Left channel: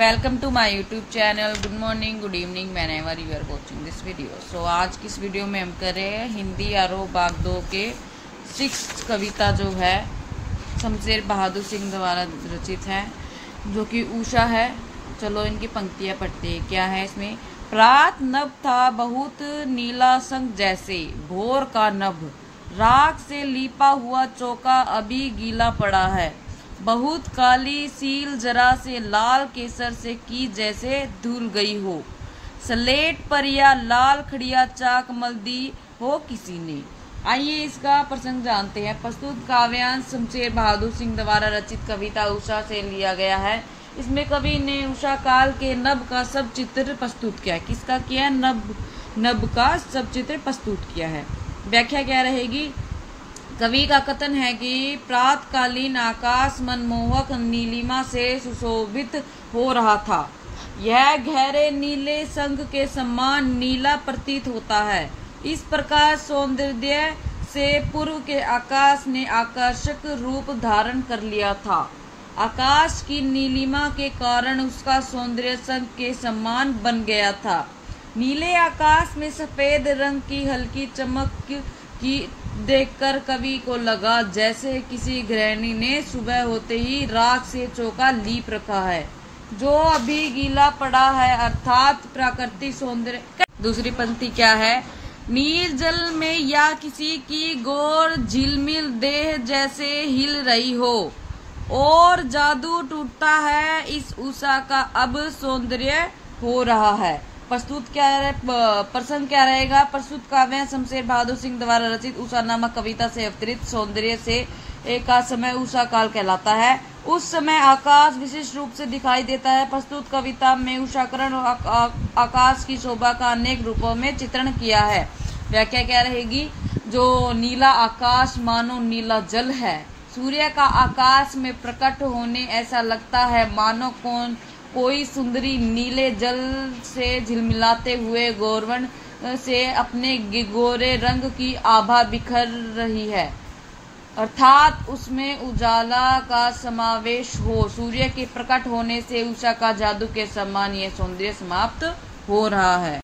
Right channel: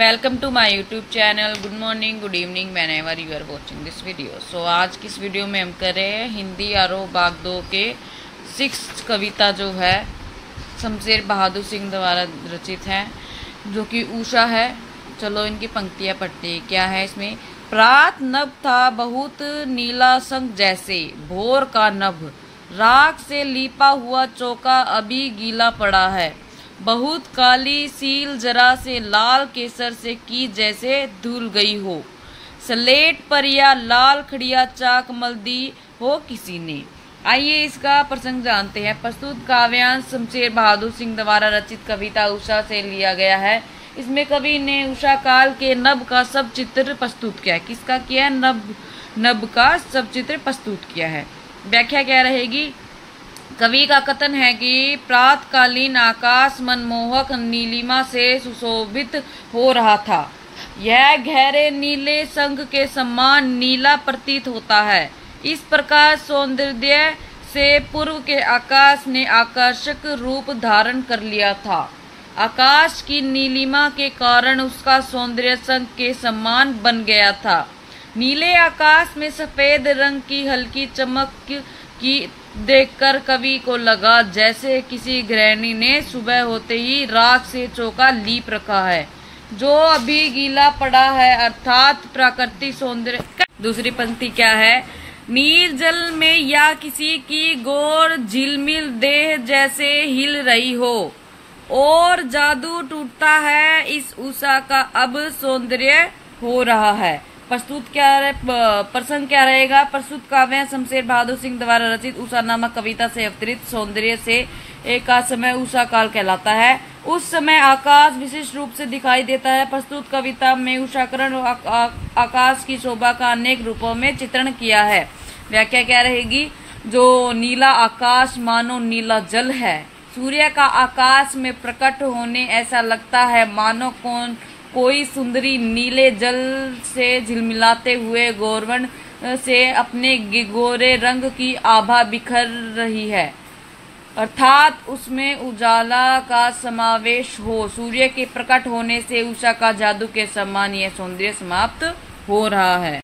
Welcome to my YouTube channel. Good morning, good evening, whenever you are watching this video. So आज की इस video में हम कर रहे हैं हिंदी आरोह भाग 2 के 6th कविता जो है शमशेर बहादुर सिंह द्वारा रचित है, जो कि उषा है। चलो इनकी पंक्तियाँ पढ़ते हैं। क्या है इसमें? प्रात नभ था बहुत नीला संग जैसे, भोर का नभ राख से लीपा हुआ चौका अभी गीला पड़ा है। बहुत काली सील जरा से लाल केसर से की जैसे धुल गई हो। स्लेट पर या लाल खड़िया चाक मल दी हो किसी ने। आइए इसका प्रसंग जानते हैं। प्रस्तुत काव्यांश शमशेर बहादुर सिंह द्वारा रचित कविता उषा से लिया गया है। इसमें कवि ने उषा काल के नभ का सब चित्र प्रस्तुत किया है। किसका किया है? नभ का सब चित्र प्रस्तुत किया है। व्याख्या क्या रहेगी? कवि का कथन है कि प्रातकालीन आकाश मनमोहक नीलिमा से सुशोभित हो रहा था। यह गहरे नीले संग के समान नीला प्रतीत होता है। इस प्रकार सौंदर्य से पूर्व के आकाश ने आकर्षक रूप धारण कर लिया था। आकाश की नीलिमा के कारण उसका सौंदर्य संग के समान बन गया था। नीले आकाश में सफेद रंग की हल्की चमक की देखकर कवि को लगा जैसे किसी गृहिणी ने सुबह होते ही राख से चौका लीप रखा है, जो अभी गीला पड़ा है, अर्थात प्राकृतिक सौंदर्य। दूसरी पंक्ति क्या है? नील जल में या किसी की गौर झिलमिल देह जैसे हिल रही हो, और जादू टूटता है इस उषा का अब सौंदर्य हो रहा है। प्रस्तुत क्या है? प्रसंग क्या रहेगा? प्रस्तुत काव्य शमशेर बहादुर सिंह द्वारा रचित उषा नामक कविता से अवतरित सौंदर्य से एक का समय उषा काल कहलाता है। उस समय आकाश विशिष्ट रूप से दिखाई देता है। प्रस्तुत कविता में उषाकरण और आकाश की शोभा का अनेक रूपों में चित्रण किया है। व्याख्या क्या रहेगी? जो नीला आकाश मानो नीला जल है। सूर्य का आकाश में प्रकट होने ऐसा लगता है मानो कोई सुंदरी नीले जल से झिलमिलाते हुए गौरवर्ण से अपने गोरे रंग की आभा बिखर रही है, अर्थात उसमें उजाला का समावेश हो। सूर्य के प्रकट होने से उषा का जादू के समान यह सौंदर्य समाप्त हो रहा है।